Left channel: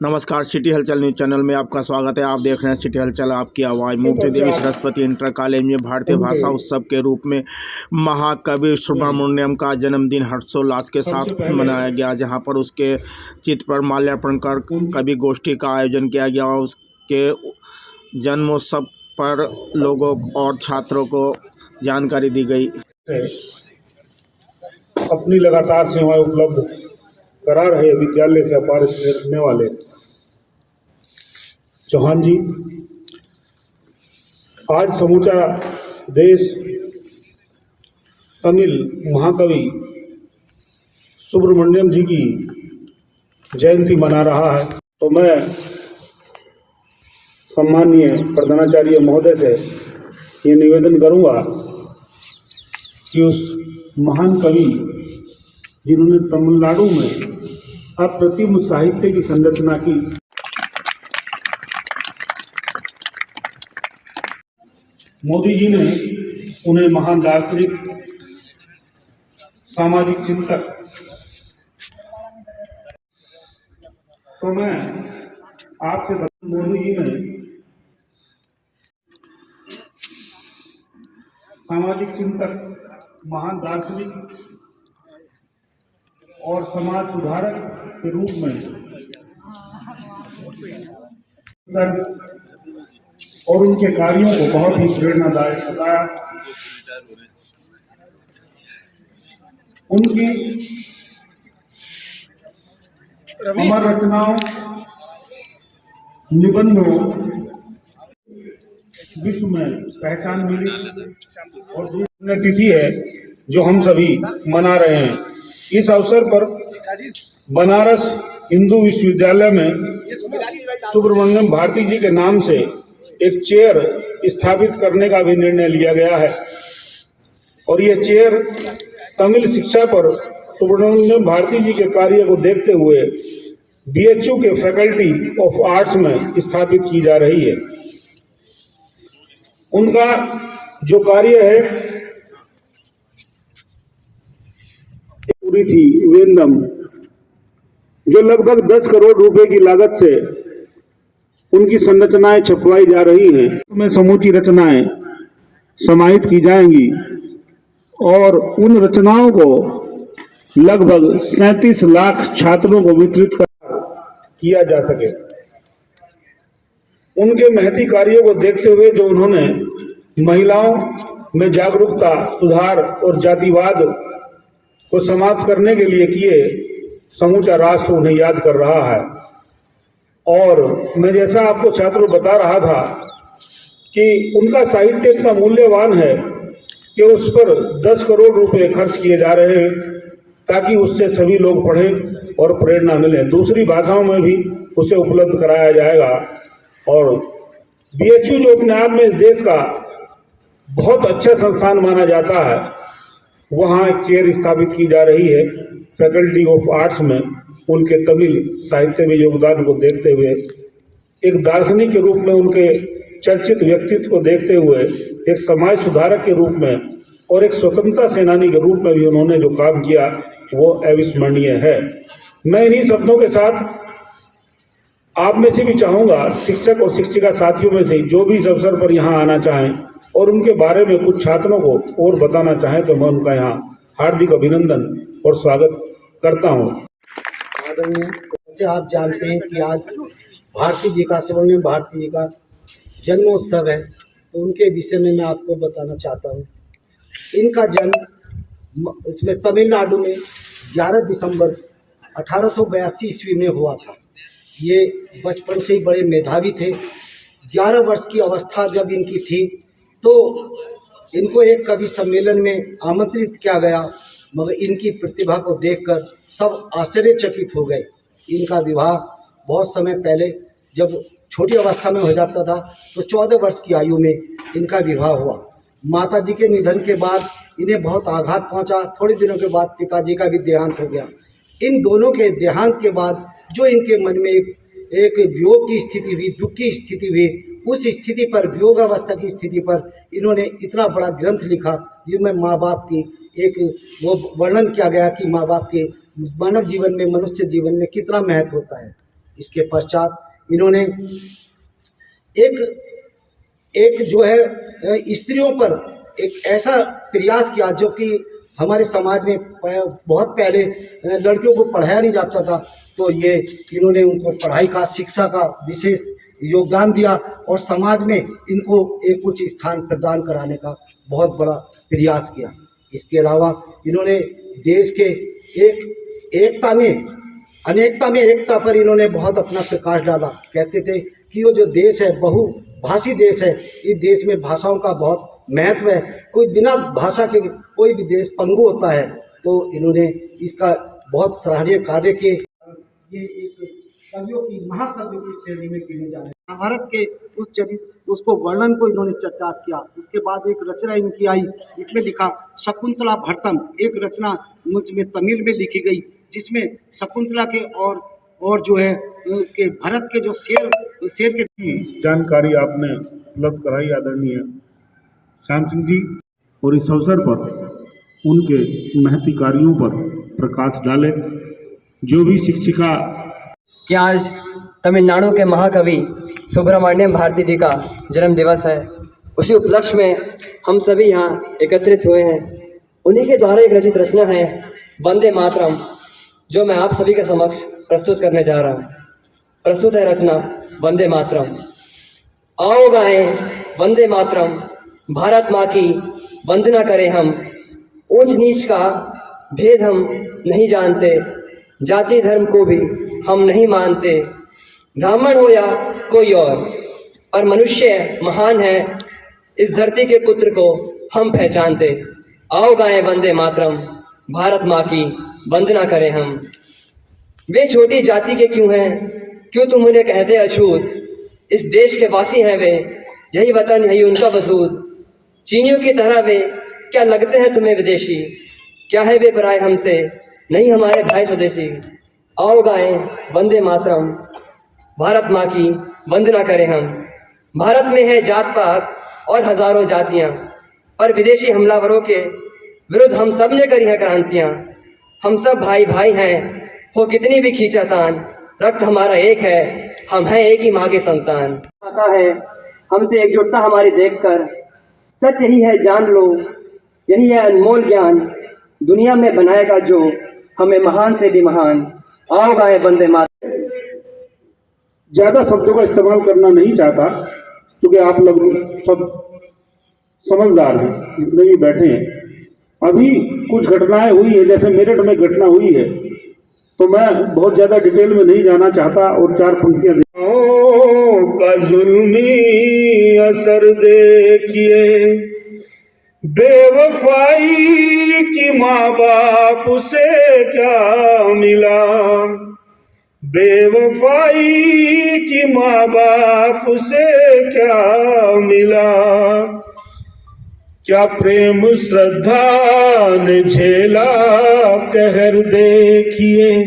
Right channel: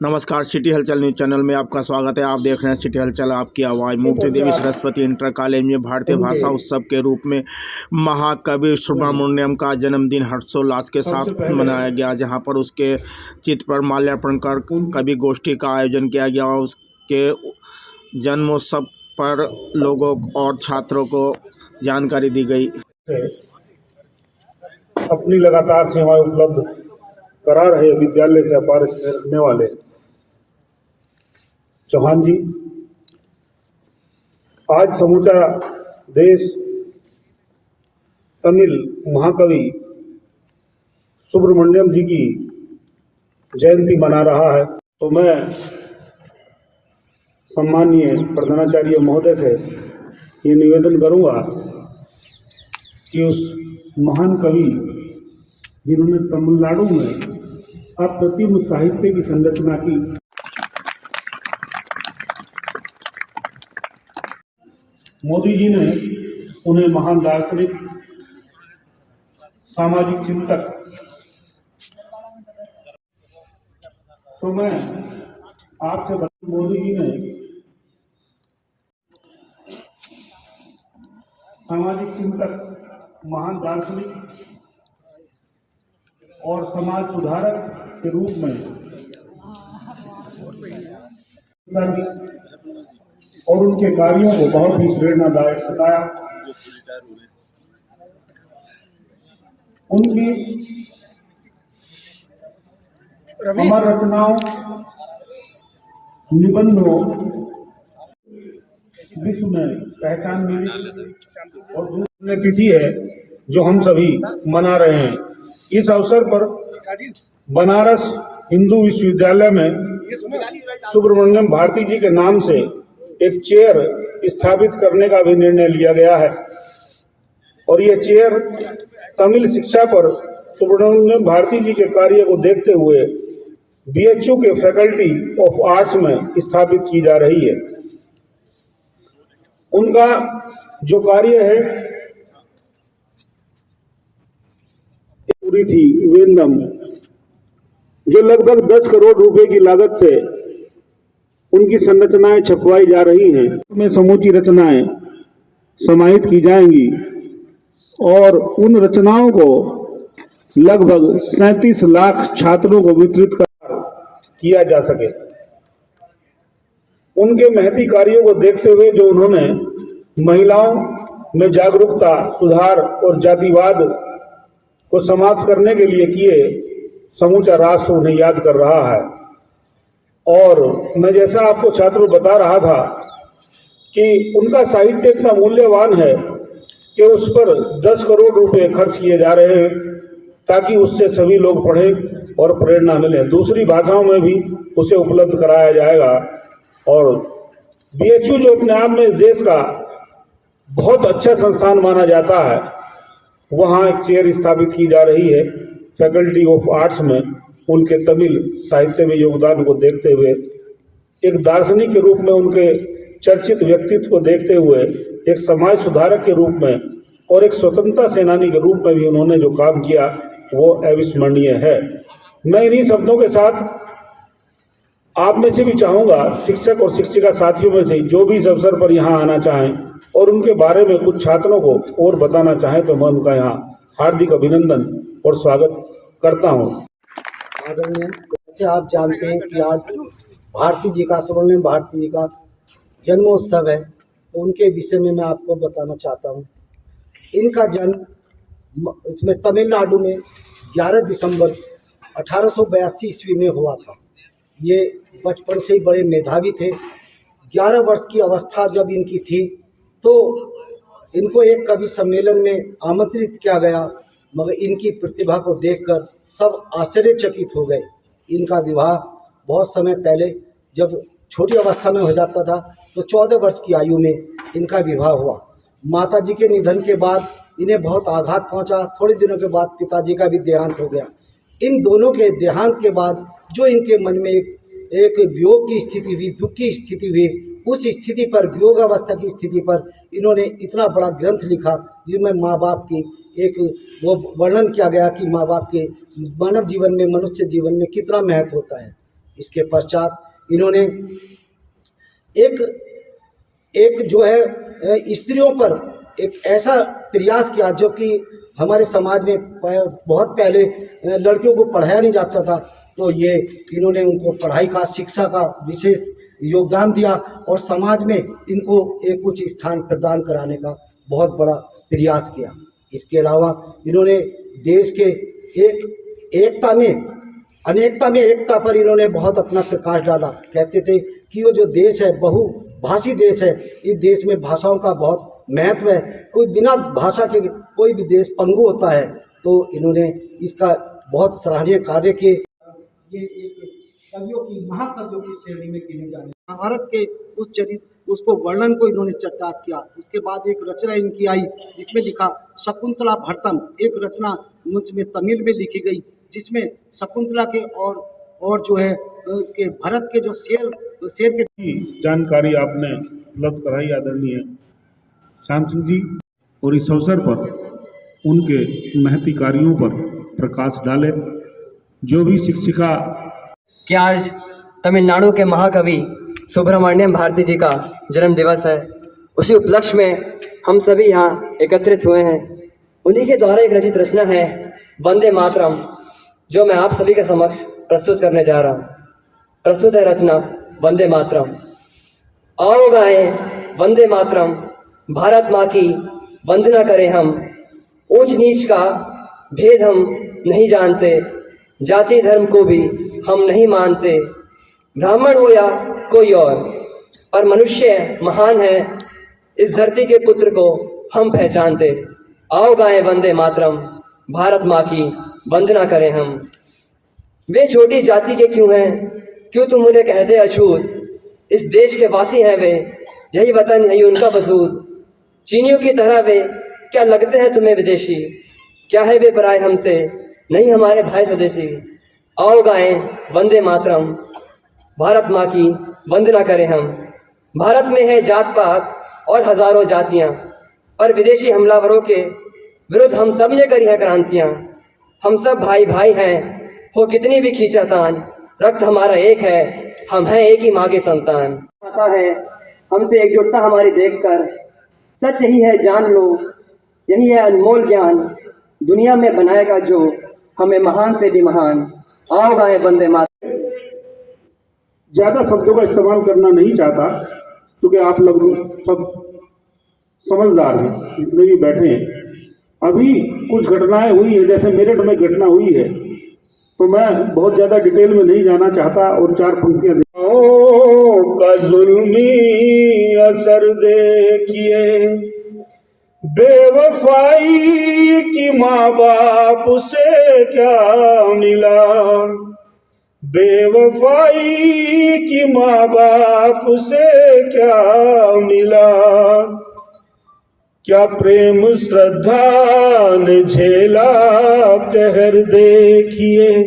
नमस्कार, सिटी हलचल news channel में आपका स्वागत है। आप देख रहे हैं सिटी हलचल, आपकी आवाज़। मूर्ति देवी सरस्वती इंटर कॉलेज में भारतीय भाषा उत्सव के रूप में महाकवि सुब्रमण्यम का जन्मदिन हर्षोल्लास के साथ मनाया गया, जहां पर उसके चित्र पर माल्यार्पण कर कवि गोष्ठी का आयोजन किया गया। उसके जन्मोत्सव पर लोगों और छात्रों को जानकारी दी गई। अपनी लगातार सेवाएं उपलब्ध करा रहे विद्यालय से अपार स्नेह रखने वाले चौहान जी, आज समूचा देश तमिल महाकवि सुब्रमण्यम जी की जयंती मना रहा है, तो मैं सम्माननीय प्रधानाचार्य महोदय से ये निवेदन करूंगा कि उस महान कवि जिन्होंने तमिलनाडु में अप्रतिम साहित्य की संरचना की, मोदी जी ने उन्हें महान दार्शनिक, सामाजिक चिंतक, तो मैं आपसे मोदी जी ने सामाजिक चिंतक, महान दार्शनिक और समाज सुधारक के रूप में और उनके कार्यों को बहुत ही प्रेरणादायक बताया। उनकी अमर रचनाओं, निबंधों विश्व में पहचान मिली और पुण्यतिथि है जो हम सभी मना रहे हैं। इस अवसर पर बनारस हिंदू विश्वविद्यालय में सुब्रमण्यम भारती जी के नाम से एक चेयर स्थापित करने का भी निर्णय लिया गया है और ये चेयर तमिल शिक्षा पर सुब्रमण्यम भारती जी के कार्य को देखते हुए बीएचयू के फैकल्टी ऑफ आर्ट्स में स्थापित की जा रही है। उनका जो कार्य है पूरी थी वेंदम, जो लगभग 10 करोड़ रुपए की लागत से उनकी संरचनाएं छपवाई जा रही हैं। में समूची रचनाएं समाहित की जाएंगी और उन रचनाओं को लगभग 37 लाख छात्रों को वितरित किया जा सके। उनके महती कार्यों को देखते हुए जो उन्होंने महिलाओं में जागरूकता, सुधार और जातिवाद को समाप्त करने के लिए किए, समूचा राष्ट्र उन्हें याद कर रहा है। और मैं जैसा आपको छात्रों बता रहा था कि उनका साहित्य इतना मूल्यवान है कि उस पर 10 करोड़ रुपए खर्च किए जा रहे हैं ताकि उससे सभी लोग पढ़ें और प्रेरणा मिले। दूसरी भाषाओं में भी उसे उपलब्ध कराया जाएगा। और बीएचयू जो अपने आप में इस देश का बहुत अच्छा संस्थान माना जाता है, वहाँ एक चेयर स्थापित की जा रही है फैकल्टी ऑफ आर्ट्स में। उनके तमिल साहित्य में योगदान को देखते हुए, एक दार्शनिक के रूप में उनके चर्चित व्यक्तित्व को देखते हुए, एक समाज सुधारक के रूप में और एक स्वतंत्रता सेनानी के रूप में भी उन्होंने जो काम किया वो अविस्मरणीय है। मैं इन्हीं शब्दों के साथ आप में से भी चाहूंगा, शिक्षक और शिक्षिका साथियों में से जो भी इस अवसर पर यहाँ आना चाहें और उनके बारे में कुछ छात्रों को और बताना चाहें, तो मैं उनका यहाँ हार्दिक अभिनंदन और स्वागत करता हूँ। जैसे आप जानते हैं कि आज भारती जी का, सुब्रमण्यम भारती जी का जन्मोत्सव है, तो उनके विषय में मैं आपको बताना चाहता हूँ। इनका जन्म इसमें तमिलनाडु में 11 दिसंबर 1882 ईस्वी में हुआ था। ये बचपन से ही बड़े मेधावी थे। 11 वर्ष की अवस्था जब इनकी थी तो इनको एक कवि सम्मेलन में आमंत्रित किया गया, मगर इनकी प्रतिभा को देखकर सब आश्चर्यचकित हो गए। इनका विवाह बहुत समय पहले, जब छोटी अवस्था में हो जाता था, तो 14 वर्ष की आयु में इनका विवाह हुआ। माता जी के निधन के बाद इन्हें बहुत आघात पहुंचा। थोड़े दिनों के बाद पिताजी का भी देहांत हो गया। इन दोनों के देहांत के बाद जो इनके मन में एक वियोग की स्थिति हुई, दुख की स्थिति हुई, उस स्थिति पर, वियोगावस्था की स्थिति पर इन्होंने इतना बड़ा ग्रंथ लिखा जिसमें माँ बाप की एक वो वर्णन किया गया कि माँ बाप के मानव जीवन में, मनुष्य जीवन में कितना महत्व होता है। इसके पश्चात इन्होंने एक जो है स्त्रियों पर एक ऐसा प्रयास किया जो कि हमारे समाज में बहुत पहले लड़कियों को पढ़ाया नहीं जाता था, तो ये इन्होंने उनको पढ़ाई का, शिक्षा का विशेष योगदान दिया और समाज में इनको एक उच्च स्थान प्रदान कराने का बहुत बड़ा प्रयास किया। इसके अलावा इन्होंने देश के एकता में अनेकता में एकता पर इन्होंने बहुत अपना प्रकाश डाला। कहते थे कि वो जो देश है बहुभाषी देश है, इस देश में भाषाओं का बहुत महत्व है, कोई बिना भाषा के कोई भी देश पंगु होता है, तो इन्होंने इसका बहुत सराहनीय कार्य किए। ये एक कवियों की महाकवियों की श्रेणी में गिने जा रहे हैं। महाभारत के उस चरित्र उसको वर्णन को इन्होंने चर्चात किया। उसके बाद एक रचना इनकी आई जिसमें लिखा शकुंतला भट्टम, एक रचना मुझ में तमिल में लिखी गई जिसमें शकुंतला के और जो है के भरत के जो शेर के जानकारी आपने उपलब्ध कराई आदरणीय श्याम सिंह जी, और इस अवसर पर उनके महती कार्यों पर प्रकाश डाले। जो भी शिक्षिका कि आज तमिलनाडु के महाकवि सुब्रमण्यम भारती जी का जन्म दिवस है, उसी उपलक्ष्य में हम सभी यहाँ एकत्रित हुए हैं। उन्हीं के द्वारा एक रचित रचना है वंदे मातरम, जो मैं आप सभी के समक्ष प्रस्तुत करने जा रहा हूँ। प्रस्तुत है रचना वंदे मातरम। आओ गाएं वंदे मातरम, भारत माँ की वंदना करें हम। ऊंच नीच का भेद हम नहीं जानते, जाति धर्म को भी हम नहीं मानते। ब्राह्मण हो या कोई और मनुष्य महान है, इस धरती के पुत्र को हम पहचानते। आओ गाएं वंदे मातरम, भारत माँ की वंदना करें हम। वे छोटी जाति के क्यों हैं, क्यों तुम उन्हें कहते अछूत। इस देश के वासी हैं वे, यही वतन यही उनका वजूद। चीनियों की तरह वे क्या लगते हैं तुम्हें विदेशी, क्या है वे पराए हमसे, नहीं हमारे भाई स्वदेशी। आओ गाएं वंदे मातरम, भारत माँ की वंदना करें हम। भारत में है जात पात और हजारों जातियाँ, पर विदेशी हमलावरों के विरुद्ध हम सब ने करी है क्रांतियाँ। हम सब भाई भाई हैं, हो कितनी भी खींचातान, रक्त हमारा एक है, हम हैं एक ही माँ के संतान। पता है हमसे एकजुटता हमारी देखकर, सच यही है जान लो, यही है अनमोल ज्ञान, दुनिया में बनाएगा जो हमें महान से भी महान। आओ गाएं वंदे मातरम। ज्यादा शब्दों का इस्तेमाल करना नहीं चाहता, क्योंकि आप लोग सब समझदार हैं जितने भी बैठे हैं। अभी कुछ घटनाएं हुई है, जैसे मेरठ में घटना हुई है, तो मैं बहुत ज्यादा डिटेल में नहीं जाना चाहता और चार पंक्तियां का जुल्मी असर देखिए, बेवफाई की माँ बाप से क्या मिला, बेवफाई की माँ बाप से क्या मिला। क्या प्रेम श्रद्धा ने झेला कहर देखिए,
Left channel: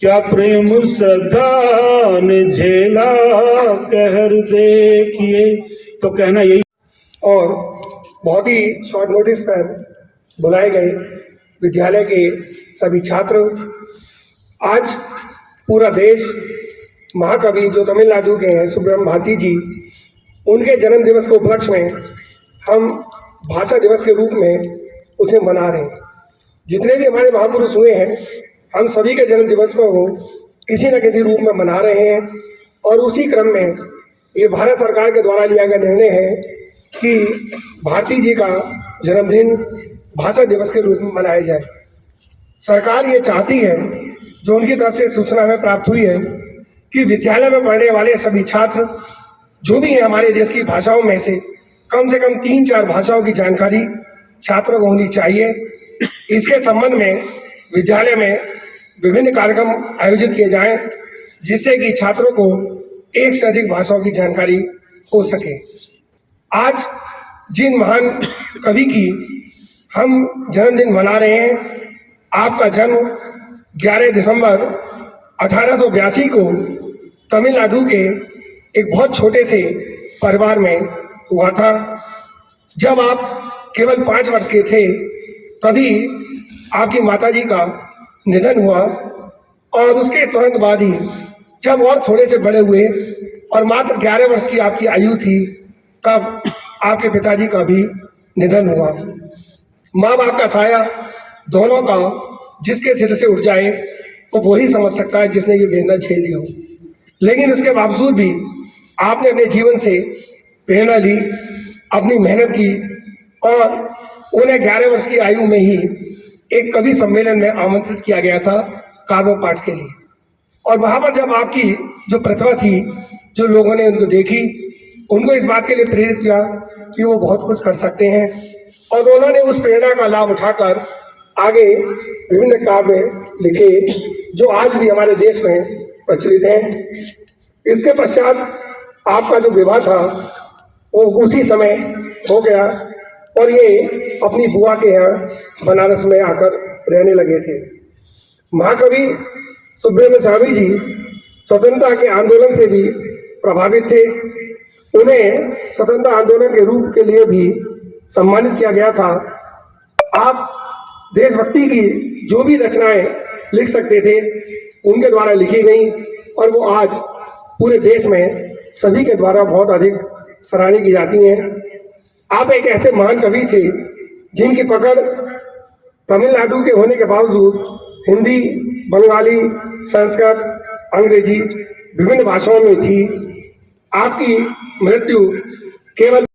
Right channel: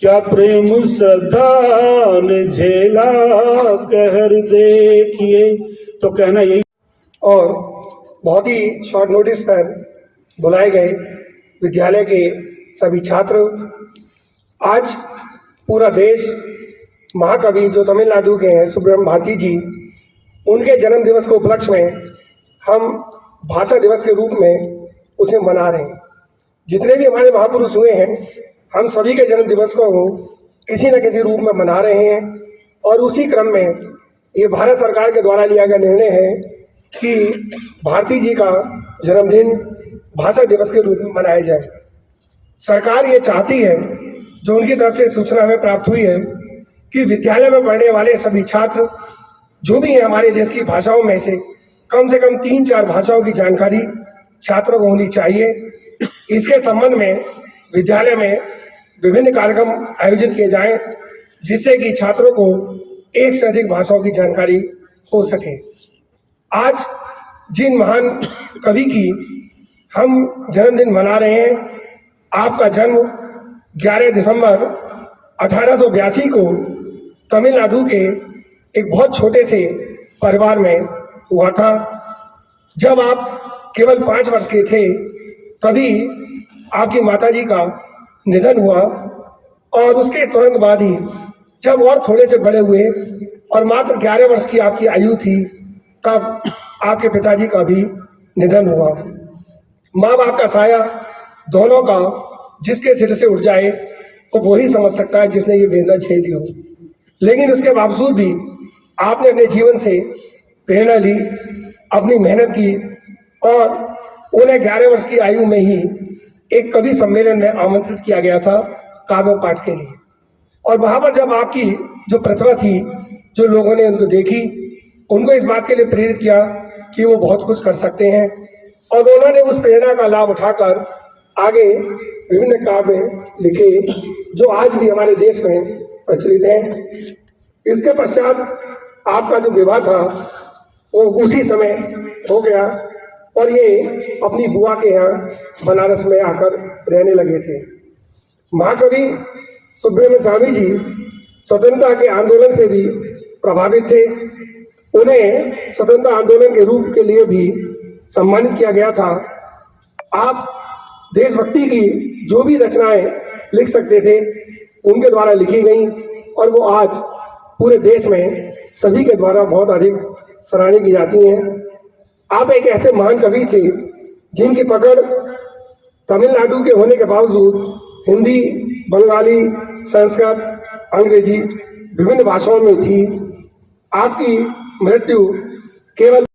क्या प्रेम श्रद्धा ने झेला कहर देखिए। तो कहना यही। और बहुत ही शॉर्ट नोटिस पर बुलाए गए विद्यालय के सभी छात्र, आज पूरा देश महाकवि जो तमिलनाडु के हैं सुब्रमण्यम भारती जी, उनके जन्म दिवस के उपलक्ष्य में हम भाषा दिवस के रूप में उसे मना रहे हैं। जितने भी हमारे महापुरुष हुए हैं, हम सभी के जन्म दिवस को किसी न किसी रूप में मना रहे हैं। और उसी क्रम में ये भारत सरकार के द्वारा लिया गया निर्णय है कि भारती जी का जन्मदिन भाषा दिवस के रूप में मनाया जाए। सरकार ये चाहती है, जो उनकी तरफ से सूचना हमें प्राप्त हुई है, कि विद्यालय में पढ़ने वाले सभी छात्र जो भी हैं हमारे देश की भाषाओं में से कम 3-4 भाषाओं की जानकारी छात्रों को होनी चाहिए। इसके संबंध में विद्यालय में विभिन्न कार्यक्रम आयोजित किए जाएं, जिससे कि छात्रों को एक से अधिक भाषाओं की जानकारी हो सके। आज जिन महान कवि की हम जन्मदिन मना रहे हैं, आपका जन्म 11 दिसंबर 1882 को तमिलनाडु के एक बहुत छोटे से परिवार में हुआ था। जब आप केवल 5 वर्ष के थे, तभी आपकी माताजी का निधन हुआ और उसके तुरंत बाद ही जब और थोड़े से बड़े हुए और मात्र 11 वर्ष की आपकी आयु थी, तब आपके पिताजी का भी निधन हुआ। माँ बाप का साया दोनों का जिसके सिर से उठ जाए वो ही समझ सकता है जिसने ये वेदना झेली हो। लेकिन इसके बावजूद भी आपने अपने जीवन से प्रेरणा ली, अपनी मेहनत की और उन्हें 11 वर्ष की आयु में ही एक कवि सम्मेलन में आमंत्रित किया गया था काव्य पाठ के लिए। और वहां पर जब आपकी जो प्रतिभा थी, जो लोगों ने उनको देखी, उनको इस बात के लिए प्रेरित किया कि वो बहुत कुछ कर सकते हैं और उन्होंने उस प्रेरणा का लाभ उठाकर आगे विभिन्न काव्य लिखे जो आज भी हमारे देश में प्रचलित हैं। इसके पश्चात आपका जो विवाह था वो उसी समय हो गया और ये अपनी बुआ के यहाँ बनारस में आकर रहने लगे थे। महाकवि सुब्रमण्यम स्वामी जी स्वतंत्रता के आंदोलन से भी प्रभावित थे। उन्हें स्वतंत्रता आंदोलन के रूप के लिए भी सम्मानित किया गया था। आप देशभक्ति की जो भी रचनाएं लिख सकते थे उनके द्वारा लिखी गई और वो आज पूरे देश में सभी के द्वारा बहुत अधिक सराहनीय की जाती हैं। आप एक ऐसे महान कवि थे जिनकी पकड़ तमिलनाडु के होने के बावजूद हिंदी, बंगाली, संस्कृत, अंग्रेजी विभिन्न भाषाओं में थी। आपकी मृत्यु केवल